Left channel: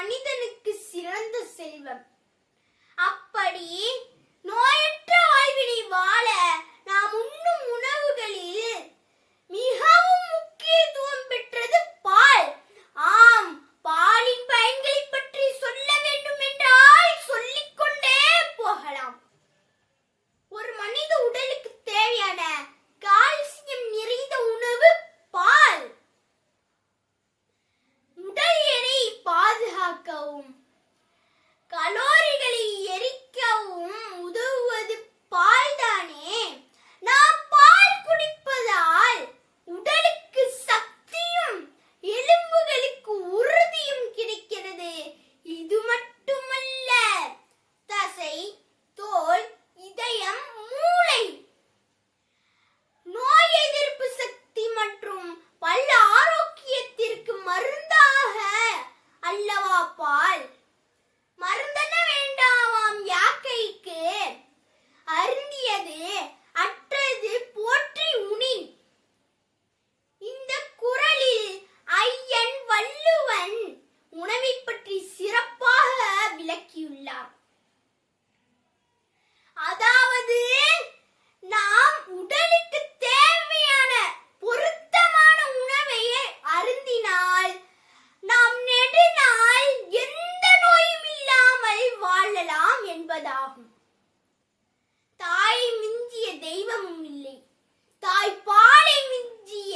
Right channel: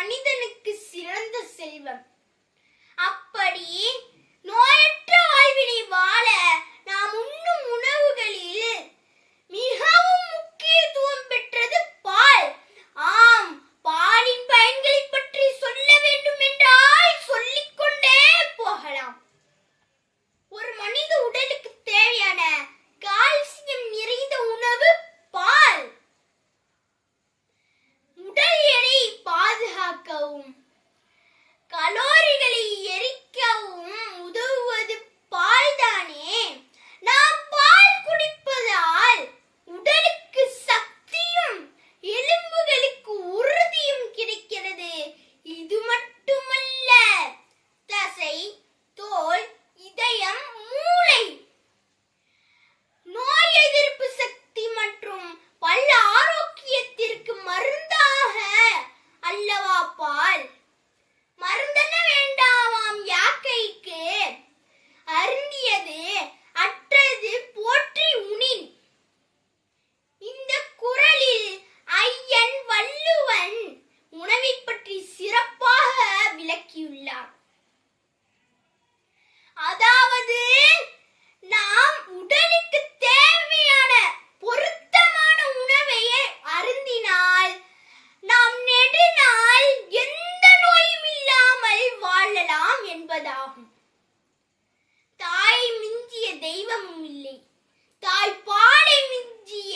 bonito என்பதாகும் தாய் மிஞ்சிய தெய்வமும் இல்லை. தாய் பாலை மிஞ்சிய